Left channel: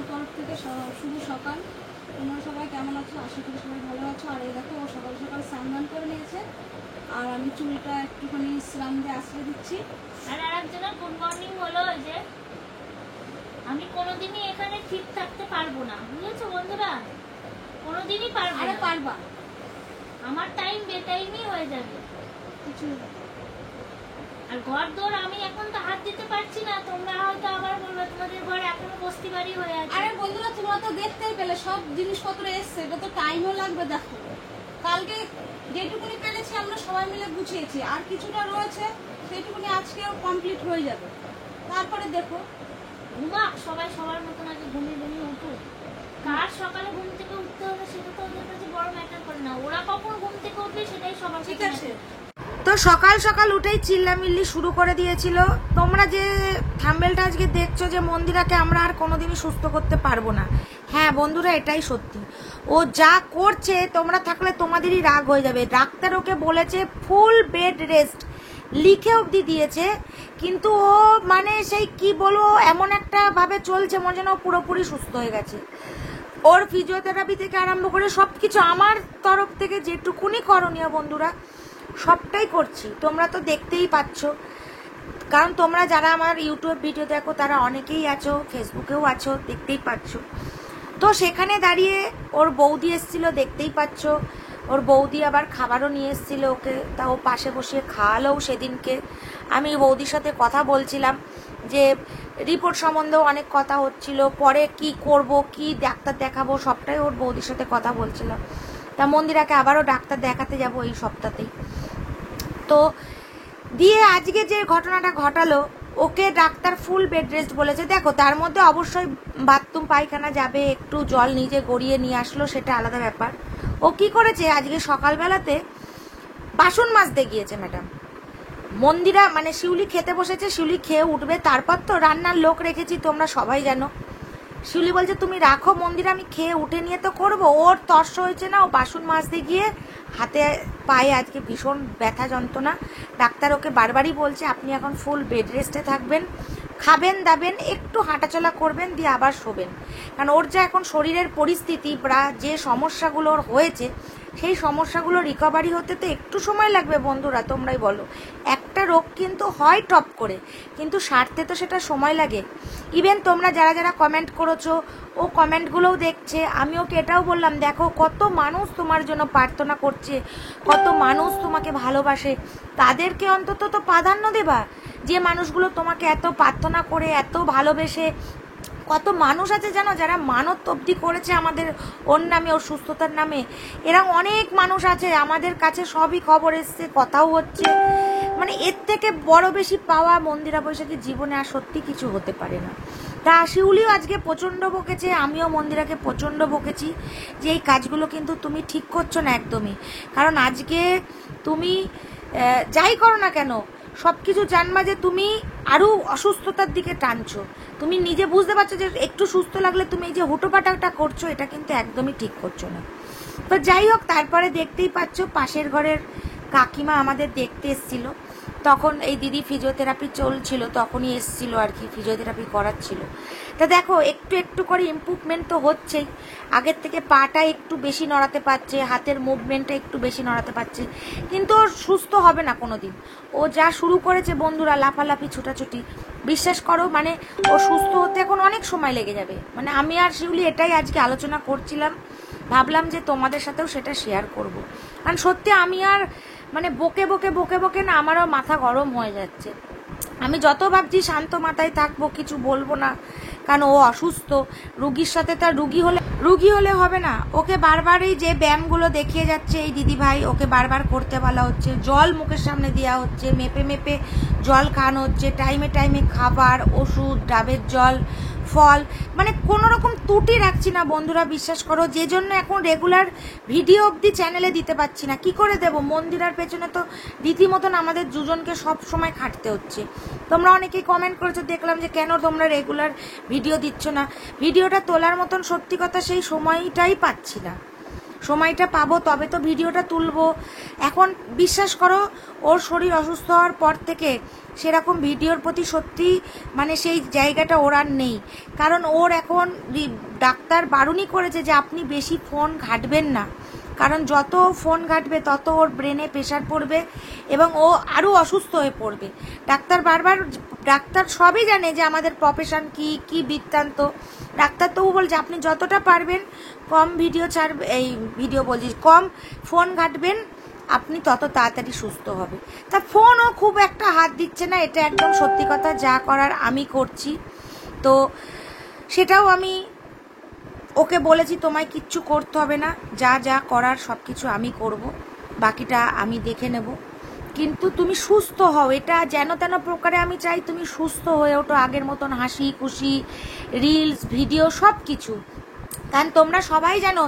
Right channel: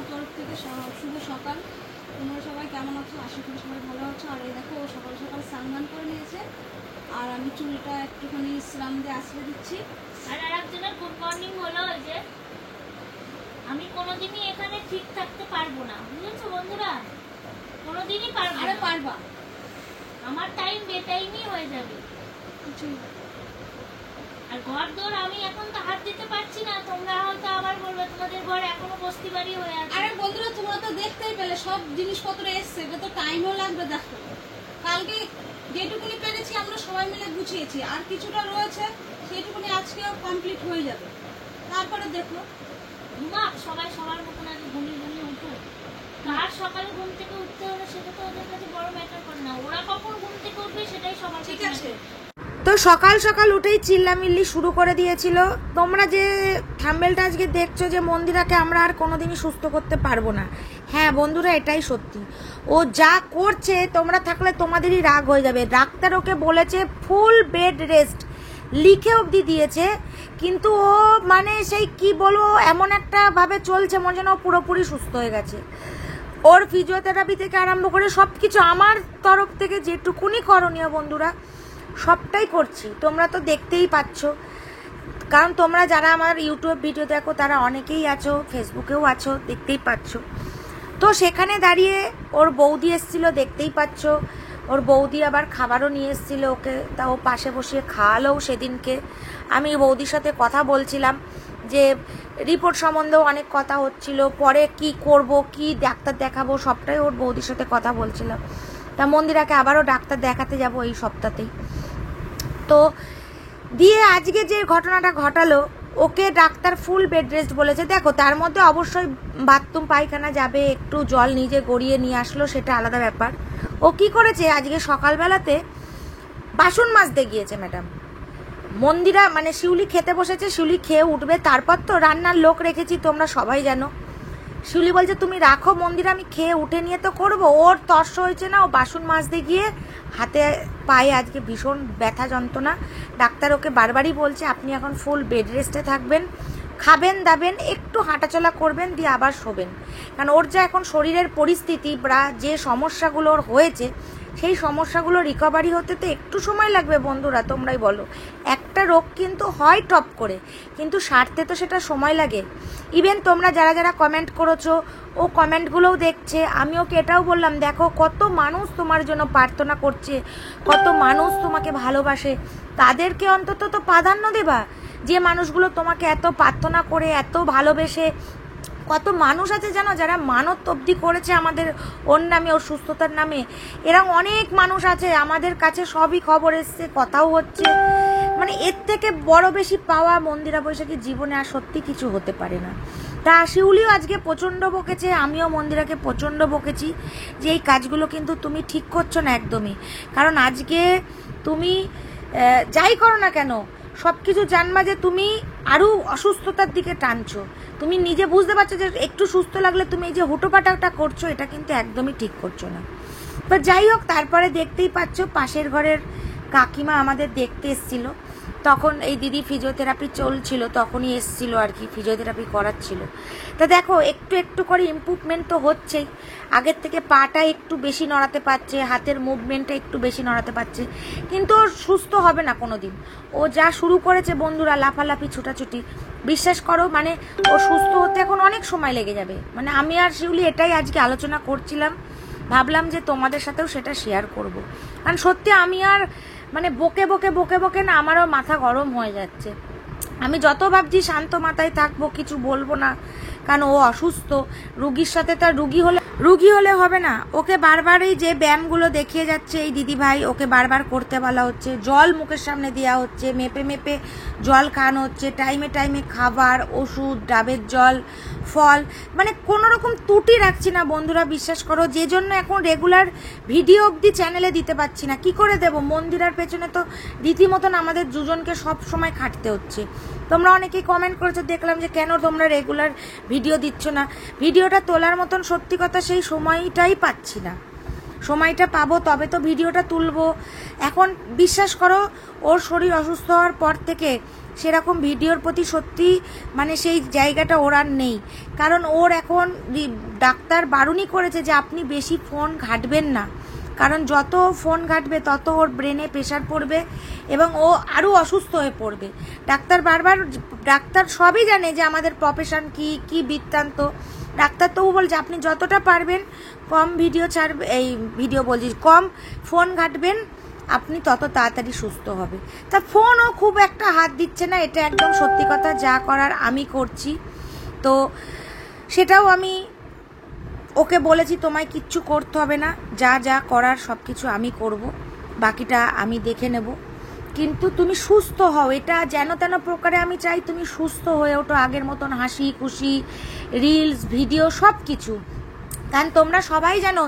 আমার তরফ থেকে শুভ সকাল। তোমরা সবাই কেমন আছো? আশা করি সবাই ভালো আছো। আর এই দেখো, ও সকাল সকাল স্নান করে নিয়েছে, আর আমি চুলটা একটুখানি স্নান দিয়ে আশ্রয় দিচ্ছি। আর আরেকজনের গুড মর্নিং হলো যে আমি কোনোদিনই এখানে ঠিক থাকতে পারবো না, বুঝেছো বন্ধুরা? কোনোদিনই পারবো। আরে পারবা, আমার টাইম বেটাইমই হয়ে যাবে। আর ঘর দোর আমি এখন তো হাত দিতে পারছি না। তোমরা হয়তো আবার বলবে তোমাদের ঘর এখনো বস্তি বাড়ি হয়ে আছে। আরে বন্ধুরা, তোমরা তো দেখতেই পেলে সব জিনিসপত্র এসছে, এটা তো টাইমও লাগবে। দেখো, কালকে যেটুকুনি পেরেছি আমরা সবাই মিলে গুছিয়েছি, আর কিছুটা রয়েছে, সেইটুকুনি আজকেও কমপ্লিট হয়ে যাবে। তারপরে দেখো, ঘুমাক সবাই সবার মতন আগে ঘুমিয়ে ঘুমিয়ে উঠো। কার সকালে ঘুম থেকে উঠতে হবে সেটা তো ওদের কাছে বড় ম্যাটার করে না। ওরা কখন ঘুম থেকে উঠবে সেটাই সবার ঠিক আছে। তো সকাল সকাল উঠেই চিল্লামিল্লি শুরু করে দিয়েছিল। তোমরা যে থাম্বনেলটা আজকে দেখছো যে মন্দিরাকে আমরা আর কোনোদিনই সুস্থ করতে পারবো না, হ্যাঁ বন্ধুরা, এটাই সত্যি। ও যা করছে তোমরা থাকলে তোমাদেরই রাগ হয়ে যাবে। ডাক্তার ওকে বলেছে ফুল বেড রেস্ট, লিখে অবধি দিয়েছে, কিন্তু ও মানে সেই কি বলবো, এমন একটা ভাবে চলছে মনে যেন পুরোপুরি সুস্থ হয়ে গেছে। ওর ফিজিওথেরাপি থেকে আরম্ভ করে সবকিছু আমার তরফ থেকে যেটুকুনি করণীয় বন্ধুরা সবটাই করছি। তোমরা তো দেখতেই পাচ্ছ, কারণ তোমরা যারা আমার ইউটিউব ভিডিও দেখো তারা অনেকেই আছো, ফেসবুকেও আছো, দেখতেই পাচ্ছ। তো সেখানে দাঁড়িয়ে ওর বৌদি এসেছিল, দেখতেই পাচ্ছ। ওর বৌদি আবার খাবারও নিয়ে এসেছিল ওকে, তা ও পাশে বসে খাওয়ালো সেদিনকে। আমি বৌদির সাথে কথা বলছিলাম যে রিপোর্ট সম্বন্ধেও অনেক কথা হচ্ছিল, পরে কি করব, কি ডাক্তার দেখাবো, সবটাই ওর বৌদির সাথে কথা বলছিলাম। তা মন্দিরাকে আবারও ডাক্তার দেখাতে যাব এই সপ্তাহতেই। তো দিয়ে আজকে যে ঘটনাটা ঘটালো, ওকে ডাক্তার ফুল বেড রেস্ট বলেছে। দেখো, তার মধ্যে অবশ্যই বাথরুম পায়খানা যাবে, একটু জল নিজে গড়িয়ে নিয়ে আসলো, সেটা আলাদা ব্যাপার। ও কি করেছে, আজকে সকালবেলাতে বাসন মাজতে গিয়েছে ম্যাডাম। মন্দিরা মানে শিউলি খেতে বসেছে, শিউলি খেয়ে উঠবে, তারপর তো রান্নার লোক রেখেছি, তোমরা সবাই জানো। শিউলি বলছে তুমি রাখো মন্দিরা, আমি খেয়ে উঠে নিয়ে তো করবো। ওর তর্স হয়েছে না, ও বাসন মাজতে গিয়ে হাতে পায়ে আজকে ভীষণ ব্যথা যন্ত্রণা। ডাক্তার ওকে বারবারই বলছে আপনি এখন ফুল বেড রেস্টে থাকবেন, খাবেন দাবেন, একটু হাঁটাচলা করবেন, দিয়ে আবার শোবেন। কারণ ওর যা এখন শরীরের পরিস্থিতি বা যে সমস্যাগুলো ওর হয়েছে, সেই সমস্যাগুলো রিকভারি হতে তো একটু সময় লাগবে বন্ধুরা, তোমরাই বলো। একটা রোগ কিন্তু হয় টপ করে, কিন্তু সারতে তো সেটা সময় লাগে। ইভেন তোমরা যারা যারা কমেন্ট করেছো, ও কমেন্টগুলোও দেখছে। আমি ওকে এটাও বললাম, দেখো কত মানুষ তোমার জন্য প্রার্থনা করছে, কত মানুষ তোমাকে ভালোবাসে, তাদেরকে অন্তত তো প্রাধান্য দেবা। যে মানুষগুলো তোমাকে এত প্রার্থনা করে, এত ভালোবেসে, কত মানুষ আছে জানো যারা মানত অবধি করেছে আমাদের ওর নামে, ওর সুস্থতার নামে। এরকম অনেক মানুষ আছে, আমাদের কাছে সবই খবর এসছে, কথাও হচ্ছে। মানে এর থেকে বড় বেশি পাওয়া মন্দিরা বৈশাখী জীবনে আর সত্যি কিছু হতে পারে না। তা শিউলিও আজকে প্রচন্ড বকেছে, আমিও মন্দিরাকে প্রচন্ড বকেছি যে এই কাজগুলো কিন্তু তুমি ঠিক করছো না একদমই। কারণ আজকে তুমি যাই করো না কেন, সবকিছু জানবা যে তুমি আরো অসুস্থতার দিকে টানছো। তুমি নিজে বুঝতে পারছো যে একটু সুস্থ লাগলে তুমি এই যে হুটোপাটাটা করছো, এটা কিন্তু একদমই ঠিক করছো না। তো যাই হোক, তারপরে দেখতেই পাচ্ছ পাশের ঘরের কাকিমা আমাদের দেখতে এসেছিল। তখন এই দিদি ফিজিওথেরাপি চলছিল, তখনই এসেছিল আর কি, ফিজিওথেরাপি করাচ্ছিল। তো দেখো একটু একটু করে ইমপ্রুভমেন্ট তো হচ্ছেই। আগের থেকে পাটা একটু বেশি নড়াতে পারছে, হাতের মুভমেন্টটা একটু বেশি নড়াতে পারছে, কিন্তু ও সুস্থ হবে না কোনোদিন। ও যা শুরু করেছে বন্ধুরা, লাফালাফি ছুটাছুটি, বিশ্বাস করো মানে ও সুস্থ হতে এখন অনেক সময় লেগে যাবে। মানে আমি আর শিউলি এটাই আজকে আলোচনা করছিলাম, ভাবলাম যে তোমাদের সাথেও সেটা শেয়ার করব। কারণ সত্যি আমি আর মানে বকে বকে বকে বকে না আমারও মাথা গরম হয়ে যাচ্ছে। আমি যত ভাবছি শান্ত মাথায় থাকবো, কিছু বলবো না, কারণ ও অসুস্থ। রুগীর সাথে তার রুগী হলে হবে না। ওকে বারবার এই যে ব্যায়ামগুলো দেখিয়ে যাচ্ছে এই দিদি ভাই, ওকে বারবার করতে বলা হচ্ছে, জল মুখের সামনে দেওয়া হচ্ছে, মেপে মেপে জল খাওয়ানো হচ্ছে, টাইমে টাইমে খাবার, ওষুধ, ডাবের জল, ফল, মানে কোনো রকম ত্রুটি রাখছি না বন্ধুরা, বিশ্বাস করো। যে জন্য এখন রেগুলার ভিডিও অবধি চ্যানেলে দিতে পারছি না। কি করে দেব, মন্দিরার পেছনে তো রীতিমতন আমাদের দুজনকে সব সময় খাটতে হচ্ছে। তোমরা অনেকেই কমেন্ট করেছো, দেখলাম যে কেন তোমরা রেগুলার ভিডিও দিচ্ছ না। ভিডিওটা তোলার মতন সত্যি কথা সেই সময়টাই পাচ্ছি না। সময়টা পাবো তবে তো ভিডিওটা তুলবো। এখন বিশ্বাস করো ওর শরীর অসুস্থ হওয়ার পর থেকে সেরকম ভিডিওর প্রতি সত্যি মানে সেই জায়গাটা ওর আর নেই। কারণ ওর এখন ডাক্তার বারণই করেছে যে আপনি বেশি ফোন ঘাঁটবেন না, কারণ যত ফোন ঘাঁটবে তত ওর ব্রেনে প্রেশার পড়বে এবং ও আরও অসুস্থ হয়ে পড়বে। ডাক্তার সবই জানে যে আমাদের প্রফেশন কি বৃত্তান্ত। ডাক্তার তবু বলছে আপনি যতটা পারবেন কম ভিডিও ছাড়বে, এই ভিডিও বলছি কম ফোন ঘাঁটবেন, আপনি তত তাড়াতাড়ি সুস্থ হবে। তা ফোনও খুব একটা হাত দিচ্ছে না, এটা একদম সত্যি কথা। যা করার আমি করছি, তো সেটাও আমি ওকে বলেছি তোমায় কিচ্ছু করতে হবে না, যা যা করার সবকিছু আমি করব, বাকিটা আমি দেখে নেব, কিন্তু তুমি সুস্থ হও। এটা যেন তেন প্রকারে আমি চাই তুমি সুস্থ হয়ে ওঠো, আগের মতন হাসি খুশি রিলস ভিডিও সব কিছু। কারণ তোমরা সবাই জানো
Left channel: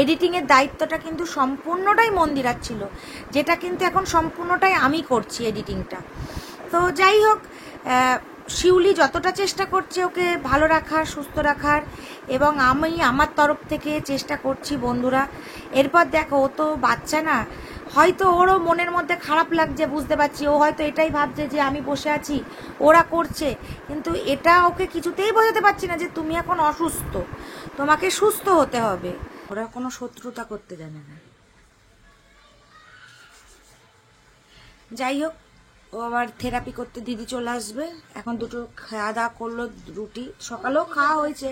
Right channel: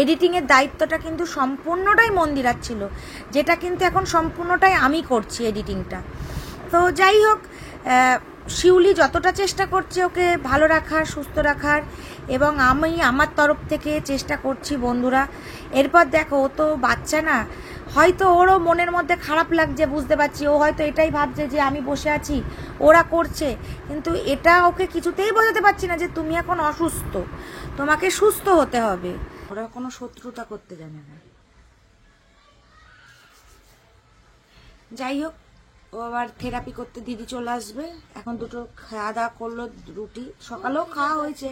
এডিটিং এর দায়িত্বটা কিন্তু সম্পূর্ণটাই মন্দিরার ছিল, যেটা কিন্তু এখন সম্পূর্ণটাই আমি করছি এডিটিংটা। তো যাই হোক, শিউলি যতটা চেষ্টা করছে ওকে ভালো রাখার, সুস্থ রাখার, এবং আমি আমার তরফ থেকে চেষ্টা করছি বন্ধুরা। এরপর দেখো ও তো বাচ্চা না, হয়তো ওরও মনের মধ্যে খারাপ লাগছে, বুঝতে পারছি। ও হয়তো এটাই ভাবছে যে আমি বসে আছি ওরা করছে, কিন্তু এটা ওকে কিছুতেই বোঝাতে পারছি না যে তুমি এখন অসুস্থ, তোমাকে সুস্থ হতে হবে। ওরা কোনো শত্রুতা করতে জানে না। যাই হোক, ও আবার থেরাপি করতে দিদি চলে আসবে। এখন দুটো খাওয়া দাওয়া করলো, রুটি সকালেও খাওয়া হয়েছে।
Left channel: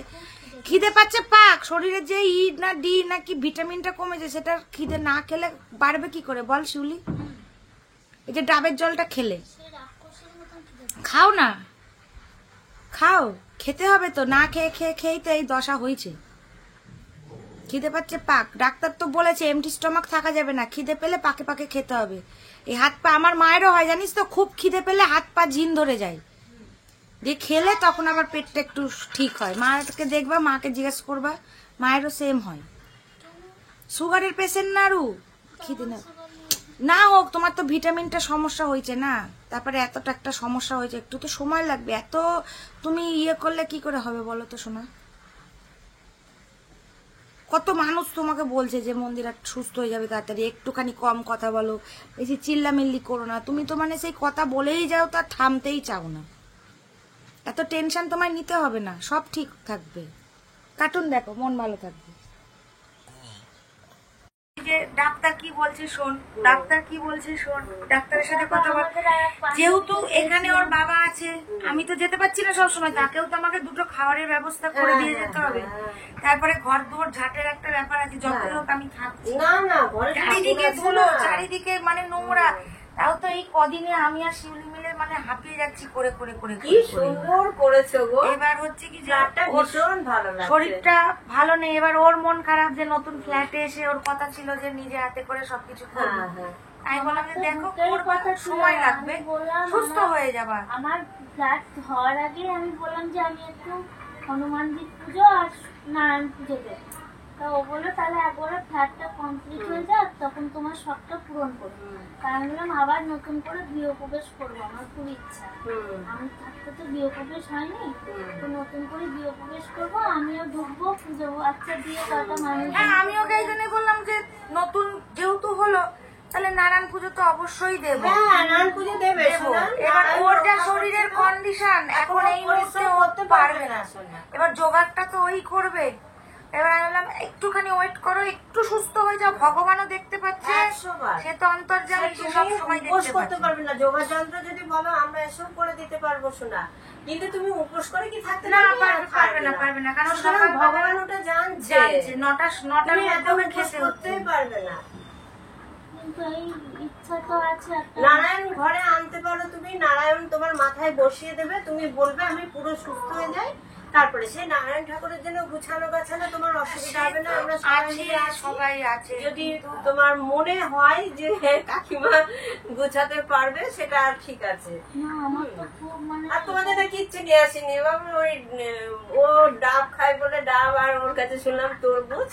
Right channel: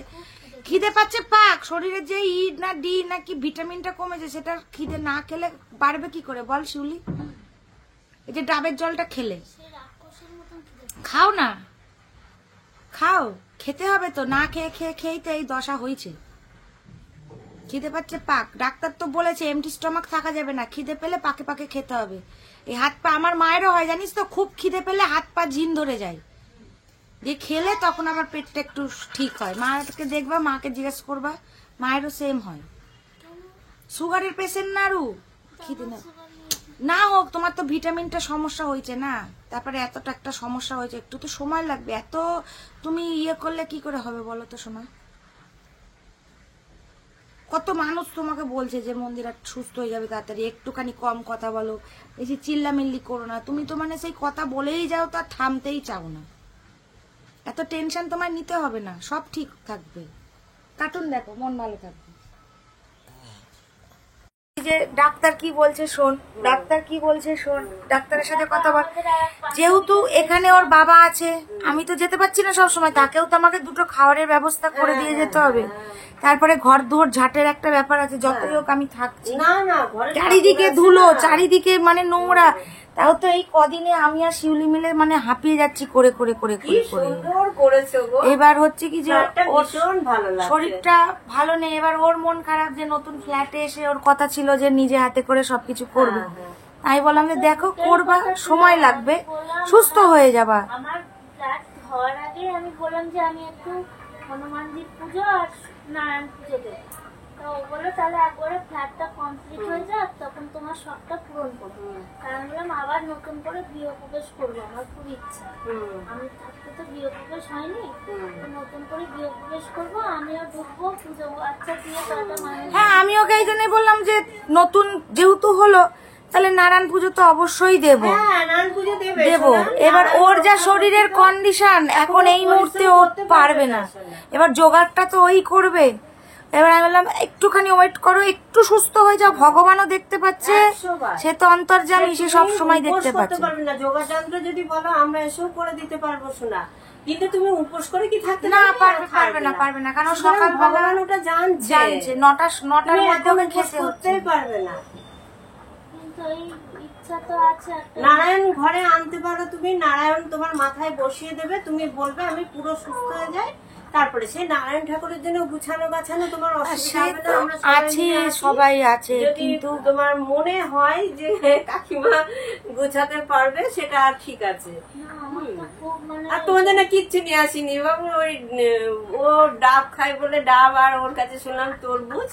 খিদে পাচ্ছে পাক, শরীরে যে ই না ডি না কি ভিটামিনটা কমেছে, সেটা খিদে না খেলে বাড়বে কি করে বল শিউলি? এই যে ডাবের জলটা খেলে খাও না, খাও, খেতে হবে তো, না খেয়ে খেয়ে খেয়েই তো এই দশা হয়েছে। খিদে পাচ্ছে পাক, ডাক্তার তো বলেছে এমটি স্টমাক থাকা যাবে না, খিদে পেলে পাকে পাকে খেতে হবে। এই হাত পা, আমার মায়েরও হয় জানিস তো, খুব খিদে পেলে হাত পা ঝিন ধরে যায়, যে খেলে তখন আবার পেটটা একটু ঠিক হয়। মাকে দেখবা, মাকে জিজ্ঞেস করবা, মায়েরও সেম হয়। সুগারের পেশেন্ট না আরু, খিদে না হোক, তোমার তো ভিটামিনটা সমস্যা হয়েছে না, তারপরে এতটা একটা সমস্যা হয়েছে, একটু তো সময় লাগবে। এত তুমি ইয়ে করলে কি করে হবে বলো তো শোনা? কত মানুষ তোমাকে বলছে যে মন্দিরা সুস্থ হয়ে যাবে তাড়াতাড়ি, একটুখানি কম কথা বলো, বেশি চিল্লামিল্লি করো না। তুমি তো মানে সেই কথা বলেই যাও, তো আর থামতেই চাও না। এত টেনশন তোমায় নিতে হবে না, সব ঠিক থাকবে। কার্টুন দেখো, মন ভালো থাকবে। যে ডাক্তার কি বলছে শোন, ডাক্তার কি বলছে শোন, ডাক্তারের সাথে কথা বল। যেহেতু এখানে ওর বাবা আছে, আমি তো যেতে পারছি না সবসময়, তাকেও তো আমাকে দুটো খাবারের ব্যবস্থা করে দিয়ে যেতে হবে। তারপরে ঘর দুয়ার ঝাঁটের একটা ব্যাপার আছে, যতই হোক আমি থাকছি না, চারিদিকে ধুলো, চারিদিকে মানে নোংরা। তাও তো এই কদিনে আমি আর শিউলি মিলে মানে হাঁপিয়ে যাচ্ছি করে করে করে এবার হচ্ছে কি যে ওর শরীরটা ভালো নেই, এবার ওর মন খারাপ যে নতুন ফ্ল্যাটে এসে ওর কথা ছিল যে নিজে হাতে করে সবকিছু করবে। আমি বললাম যে দেখো করবা, সময় লাগবে, সুস্থ হয়ে যাবা। আমার ফ্ল্যাট হওয়ার আগে আমি বললাম যে আমি একটু হনুমানজির পুজো আর নারায়ণ পুজো দেব। তা ও বললো তাহলে একবারে ফ্ল্যাটটা কমপ্লিট হয়ে যাক, তখন তোমার সবটা পূরণ করবো। তাই আমি বললাম আবার নতুন করে গৃহপ্রবেশ করবো, আমার খুব ইচ্ছা। আমি থাকতে তো গৃহপ্রবেশ হয়নি, তো নতুন করে গৃহপ্রবেশ করবো, আমিও ঢুকবো, পুজো আচ্ছা দিয়ে কয়টা মানুষ। হ্যাঁ, আমি ওকে এই জন্যই বললাম যে নতুন যেহেতু হলো, তাহলে নারায়ণ পুজো তো অবশ্যই দেবো। নারায়ণ পুজো দেবো। এবার ওর যা শরীরের কন্ডিশন, এখন এই মুহূর্তে ও পারবে না, এবার জোগাড়টা তো ওই করবে। এবার আমি বললাম একটুখানি ওয়েট করো, একটু সুস্থ হয়ে যাও, ভগবানও দেখতে পাচ্ছে, সে তো অন্তর্যামী, সে সব সময় দেখতে পাচ্ছে। না যোগার যন্ত্র যদি বলো আমরা এসব করে দিতে পারবো শোনা, কিন্তু তুমি উপোস করে কি থাকতে না, পারবে না, কারণ সকাল ভগবান ওটা জানছে, নটার মধ্যে ওকে খেতে করতেই পারবে না। কিন্তু এই ইচ্ছা তো আছে একটা। নারায়ণ ঘরে আনতে পারো তুমি, নারায়ণ তোমার মাথায় বসিয়ে দেবে, তুমি বলবে আমি পুরো সুস্থ হয়ে যাই, তারপরে সেই নারায়ণ ঠাকুরের জন্য গুছানো গাছানো তোমার অসুবিধা হবে না। আমরা সবাই আছে, যদি তোমার মনে হয় যে কাকিমা গোছাতে পারবে সেটা আর ঠিক আছে। না আমার তো খুব মানে আর তোমাদের না কিচ্ছু নিয়ে আসিনি বাবু, ওই ও ডাব খায় বলে ডাব, আর ওর কাছে শুনলাম তরমুজ,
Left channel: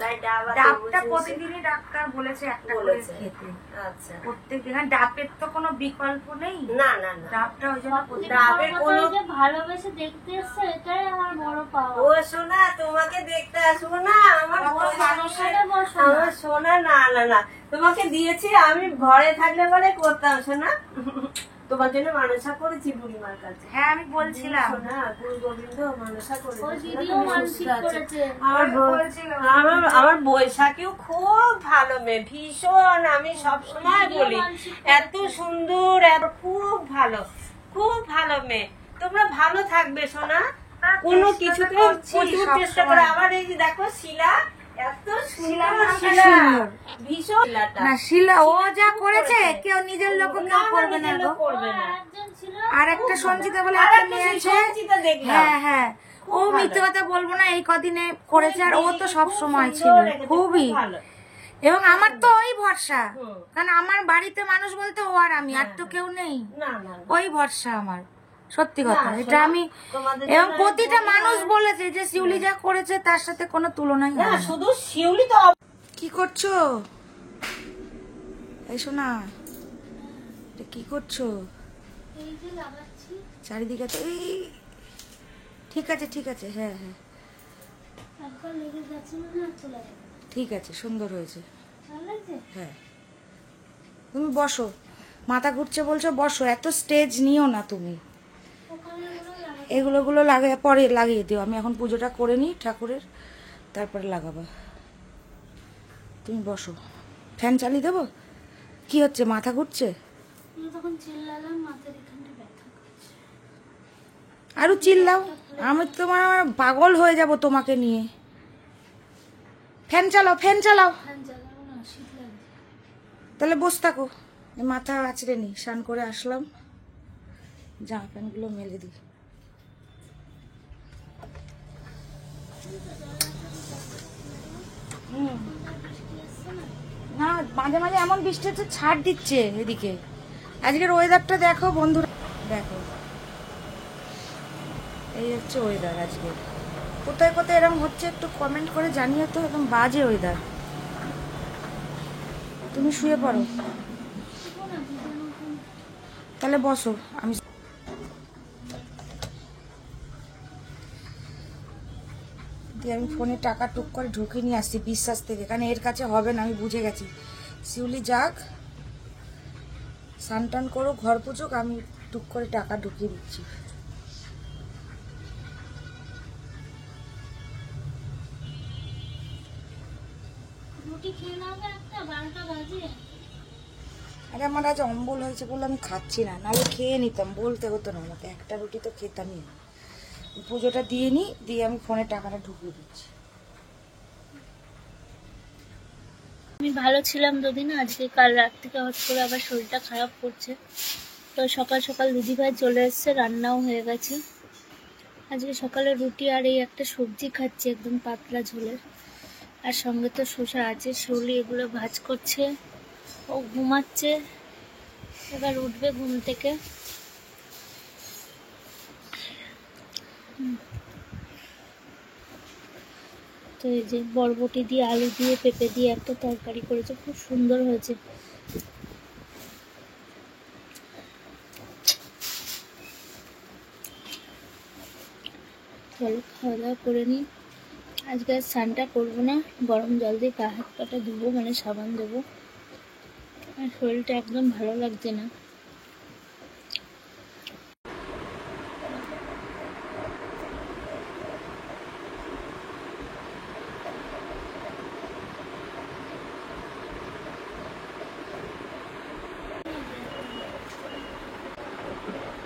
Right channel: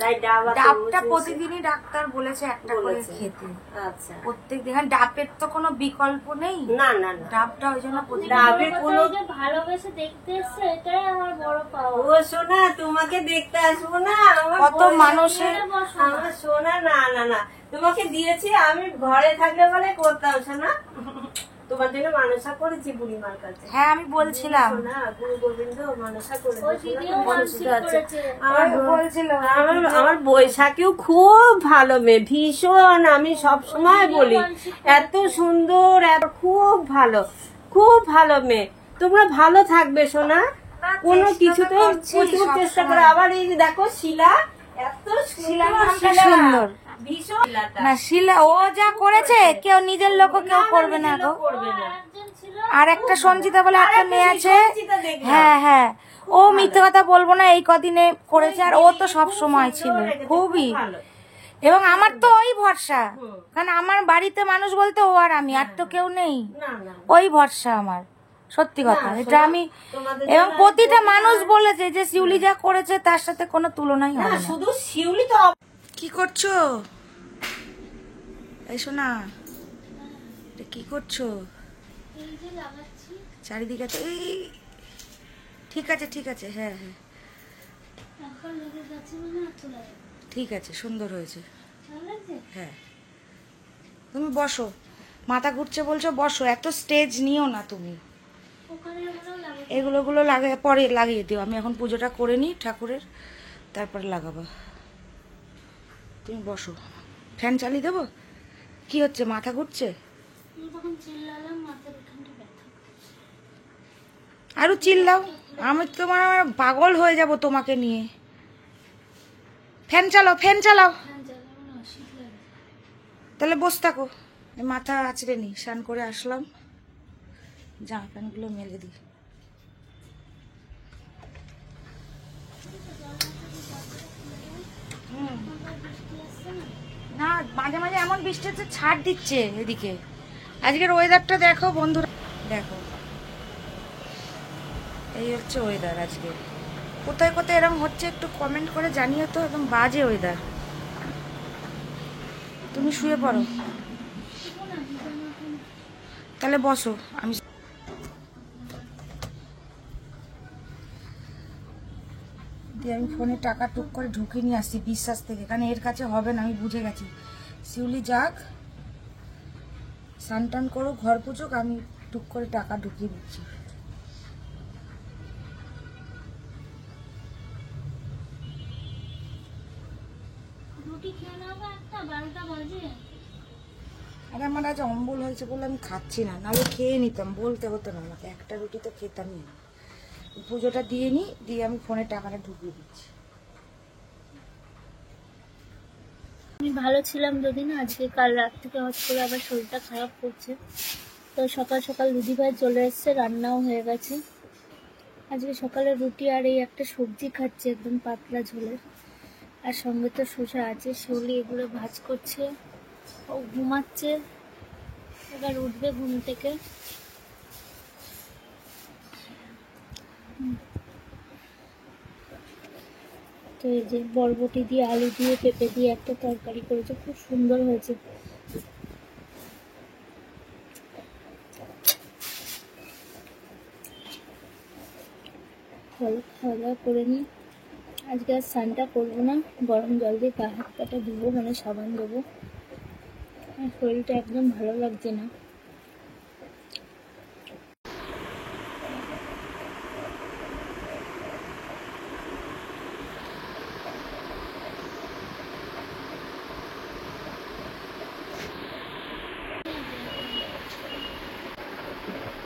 তাই ডাব আর ডাবটা তরমুজ প্রতিদিনই ডাক্তার বলেছে একটা করে বলেছে। খেতে, আচ্ছা, প্রত্যেক দিন। আর ডাবের তো কোনো বিকল্প নেই, না না না, ডাবটা ওই জন্য প্রতিদিন। ডাবের বড় কথা কোনো- এই যে ভালোবেসে দেখতে এসছে, এটাই আমার বড় পাওয়া। ও সোনা, তোমাকে দেখতে আসবো না? আমার কত বয়স মানুষের আছে, আমার সোনা। না না না, তোমাকে দিয়েছি আমি ঘরে থাকলে বলে করতাম সোনা। তোমার জন্য মানসা করেছি বুড়িমার কাছে। হ্যাঁ আমি বলছিলাম, সোনা, গুরু গোবিন্দ মানসা ওই করেছে। দিদিও মানসিক করেছে। আমার বৈশাখীও খুব ভালো মেয়ে, ভীষণ। আমি সব সময় বলি এত সুন্দর, এত খুব ভালো, খুব ভালো মেয়ে। তোমরা ভালো থাকবে সোনা, কোনো কিছুতে প্রচুর চেষ্টা করে। আবার এই যে দেখো শিলা, এত সুন্দর সুন্দর। ভীষণ। না শিলা ও যা করেছে কেউ নিজের লোক কেউ করবে না গো। করবে না। একজন ছিল আর একটা সঞ্চিতা বলে একটা মেয়ে আছে, সঞ্চিতা দেখলাম। হ্যাঁ হ্যাঁ, ও মিথ্যে কথা বলবো না, এই কদিনে করেছে। আর ও তো সব সময় ছিল, খুবই। ভালো। এবং আমার তো ওই ভরসা, কারণ আমার বাড়িতে মানুষ বলতে ও আর আমি, আর তো কেউ নেই। না না, ওই ভরসা আমার, সত্যি কথা এটা আমি। তোমাদের এবং প্রতিটা মানুষ বলেছে যে শিউলি যা করেছে তার সাথে কোনো তুলনাই হবে না, না। শুধু শিউলি তো কি করছো? এসো না, এটা কি করছো? এই যে লাগাচ্ছি, চারিদিকে তো এই, ঠিক আছে ঠিক আছে, হ্যাঁ হ্যাঁ একবার লেগে যাচ্ছে মানে আর চলে যাবে। ঠিক আছে, সুন্দর হয়েছে, ভালো লাগছে? হ্যাঁ। তুমি বসো, মাথা ঘুরছে বলছো, বসো, এত স্টেজ নিও না তুমি। ওখানে এগুলো লাগে। এগুলো লাগিয়ে পরে লাগিয়ে দিও, আমি এখন পুজোটা করে নিই ঠাকুরের, তারপরে লাগাবো। তুমি বসো, ফ্যান চালিয়ে দেবো? কি হচ্ছে, মাথা ঘুরছে? আমি তখন চিল্লালাম, মাথার এখানটা ব্যথা করছে। আরো চিল্লাও, আমি তোমার পাগল হয়ে যাব তোমাকে নিয়ে। ফ্যান চালাও, ফ্যান চালাও। ফ্যান চালাবো না, শীত লাগছে। তাহলে বস থাকো, মাথা আছড়ে নি, স্নান করে আসলাম, জামা প্যান্টগুলো মেলে দিই। না মাঝে মাঝে এমন বৃষ্টি হচ্ছে, ছাড় দিচ্ছে এদিকে। আজকের ওয়েদারটা দেখো বন্ধুরা, দেখো এই হচ্ছে ওয়েদার আজকে। কোথায় কোথায় এরকম হচ্ছে একটু কমেন্ট করে জানিও তো, একদম বাজে ওয়েদার। তুমি শুয়ে পড়ো, তাহলে বসো, আমি দিয়ে আমি ফোনে টাকা টুক করে ঢুকিয়ে নিয়ে আসছি বিশ্বাস থেকে, কারণ এর কাছে হবে না, আমি বুঝে গেছি। শিউলি যাক, স্নান টান করো, ঘর পুজোক, আমি টুক করে টাকা ঢুকিয়ে দিচ্ছি। রুটি খেয়ে নেবে একটা, 12টা বাজে। আরে আমার আজ অম্বল হয়েছে বলে আমি খাচ্ছি না, নাহলে খেয়ে নিতাম, বলতে হতো না আমাকে, একটা রুটি তো খেতামই না। পুজোটা দিয়ে নিই, দিয়ে আমি ফোনে টাকাটা ঢুকিয়ে দিচ্ছি। আমি ভালো ছিলাম দুদিন, আজকে কাল রাত থেকে হঠাৎ করে আবার শরীরটা খারাপ করছে। তো সকাল সকাল দিদিভাই চলে এসছে, রান্নাও হয়ে গেছে। আজকে সকালে রুটি আর এই একটা সবজি খাচ্ছি, একদম পাতলা ঝোলের। আর সঙ্গে তো শসা আছে, শিউলি এগুলো ভাজ করছে। ও ঘুমাচ্ছে, এবার উঠবে ঘুম থেকে। তো এই যে বরবটি দিয়ে, আলু দিয়ে, পেঁপে দিয়ে একটা তরকারি করেছে, খুব সুন্দর হয়েছে। চলো খাওয়া দাওয়া করে নিই। আজকে আর স্নানটা করবো না, গরম জল দিয়ে গা হাত পাটা ধুবো, মানে সাবান দেবো। আর শরীরটা একদম ভালো লাগছে না।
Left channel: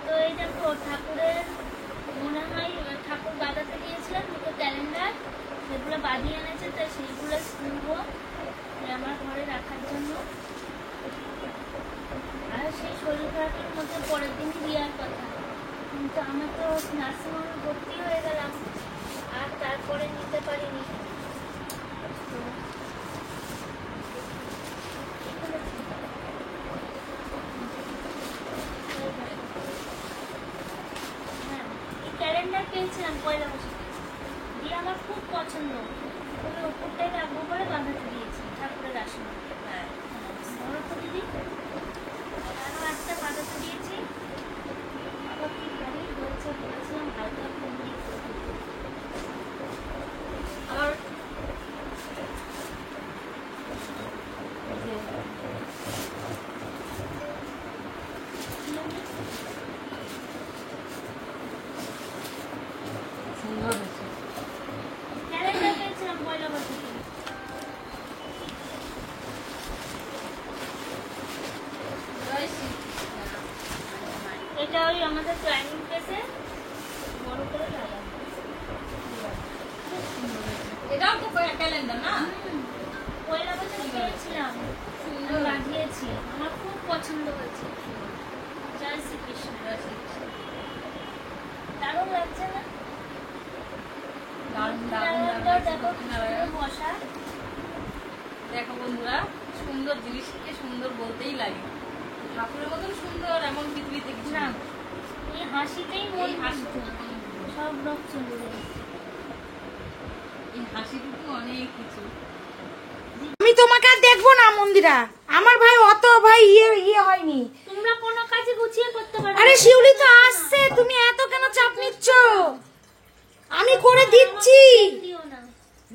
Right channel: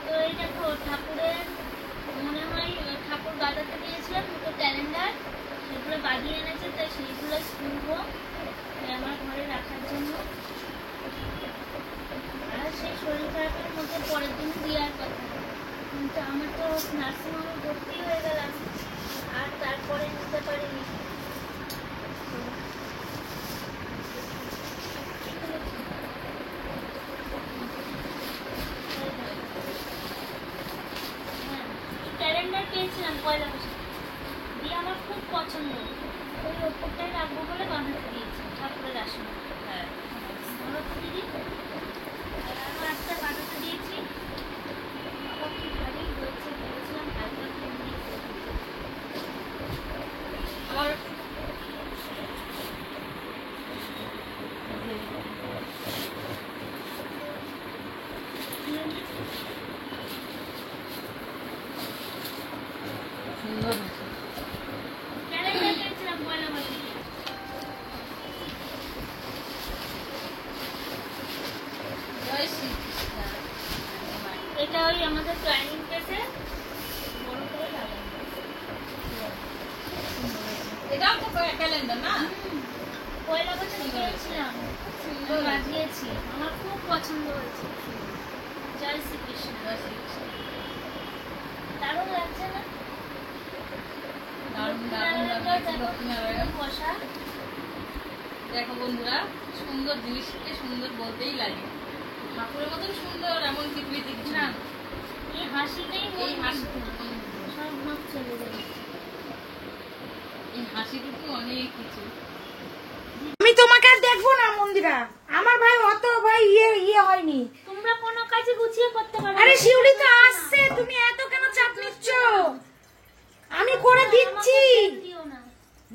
তো এই দেখো ঠাকুরের, মনে হয় ঠাকুর বাজাতে দিয়েছিলাম দুটো ক্যালেন্ডার, সেগুলো বাজিয়ে এনেছে, তাই সেইগুলো শুনবো আমার ঘরে রাখার জন্য। আর সেই শরীর খারাপের মধ্যে পরের দিন দেওয়ার কথা, কিন্তু আমার তো নার্সিংহোমে ভর্তি হয়ে গেলাম, আর তারপরে নিতে পারিনি। ক্যালেন্ডার পেয়েছিলাম পয়লা বৈশাখে, দিয়ে আমার খুব পছন্দ, খুব ওই ওপরটাই রাখবো বলে বাঁধাতে দিয়েছি ঠাকুরের আসন। ধরো তো দিদি, একটা বাঁধাতে দিয়েছি। প্রতিবারই হয়েছে, বলেছিলাম হালকা কমপ্লিট করে দিতে। আর সুন্দর হয়েছে। ক্যালেন্ডার পেয়েছিলাম পয়লা বৈশাখে। জয় শ্রীকৃষ্ণ। এটা ওই আমাদের ডাইনিং প্লেসে বড় করে লাগানো। এটাও তো ক্যালেন্ডার না? পয়লা বৈশাখে পেয়েছিলাম, সুন্দর লাগিয়েছি, আমার খুব পছন্দ হয়েছে। জয় শ্রীকৃষ্ণ। জয় শ্রীকৃষ্ণ। দারুণ লাগছে না? দারুণ দারুণ লক্ষ্মীনারায়ণটাও লাগছে দেখো লক্ষ্মীনারায়ণ। বসা। দেখো বন্ধুরা, সুন্দর জিনিসকে সুন্দর বলতেই লাগে। ঠাকুরের মতন সুন্দর এমন পৃথিবীতে কিছু না, নেই। এই হাসিটাই এই মন হাসি, মুগ্ধ। সব লোক চলে যাবে। এই হাসিটুকু অনেক কিছু। আমি তোমাকে আর দেখবো না মন্দিরা, আমার ভাই অত ভাই ইয়ে হয়নি। তোমরা কোনো কাজে গুছিয়ে করতে পারো আরে না। শিউলি তো আসছে, তুমি এত কেন চাপ নিচ্ছ? আমি করে দিচ্ছি, দিও না।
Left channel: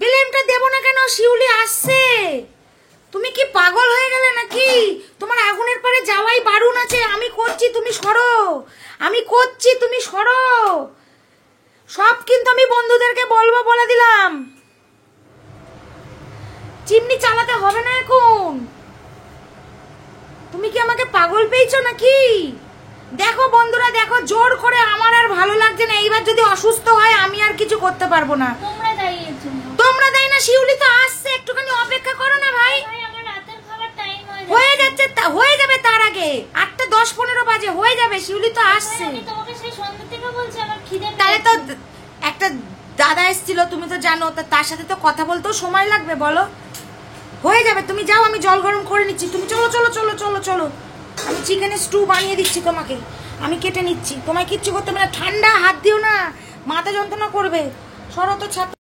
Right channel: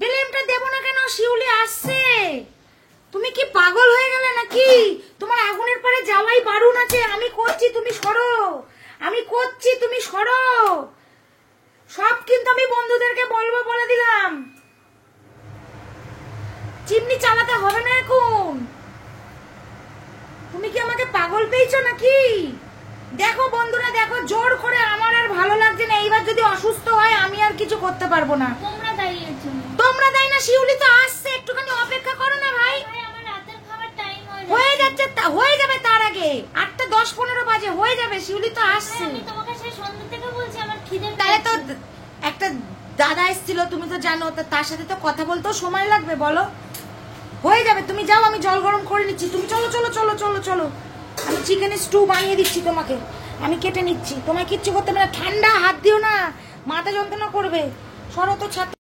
ব্লেমটা দেবো না কেন? শিউলি আসছে। তুমি কি পাগল হয়ে গেলে নাকি? তোমার আগুনের পারে যাওয়াই বারণ আছে। আমি করছি, তুমি সরো। আমি করছি, তুমি সরো। সব কিন্তু আমি বন্ধুদেরকে বলবো, বলে দিলাম। চিমনি চালাতে হবে না এখন। তুমি কি আমাকে পাগল পেয়েছো নাকি? দেখো বন্ধুরা, দেখো জোর করে আমার আর ভালো লাগছে না। এইবার যদি অসুস্থ হয় আমি আর কিছু করতে পারবো না। তোমরা দায়ী এর জন্য। তোমরা দেয় না, শিউলি তো আসছে, একটুখানি অপেক্ষা করো না ভাই। ভাই, আমার রাতের খাবার টাইম হয়ে যাচ্ছে, হয়ে যাবে তার আগে। 8টা 10-15 বাজে হয়ে যাবে, শিউলি তো আসছে। আমি তোমাকে সেই সন্ধ্যা থেকে বলছি আমার খিদে তাহলে তো পেয়েছে। একটা দাদা এসেছিল, তুমি তো জানো, তার সাথে তো কথা বলতেও সময় লাগবে, বলো। হয়ে যাবে, তুমি যাও, আমি জল গরম করে নিচ্ছি। তুমি চলো চলো চলো চলো চলো, আমি চিকেনের স্টু বানিয়ে দিচ্ছি তোমাকে। আমি কেটে নিচ্ছি, তোমায় কিচ্ছু করতে হবে না। ঠান্ডা, হাত দিও না, মাথা যন্ত্রণা করবে। সরো তো ছাত্র।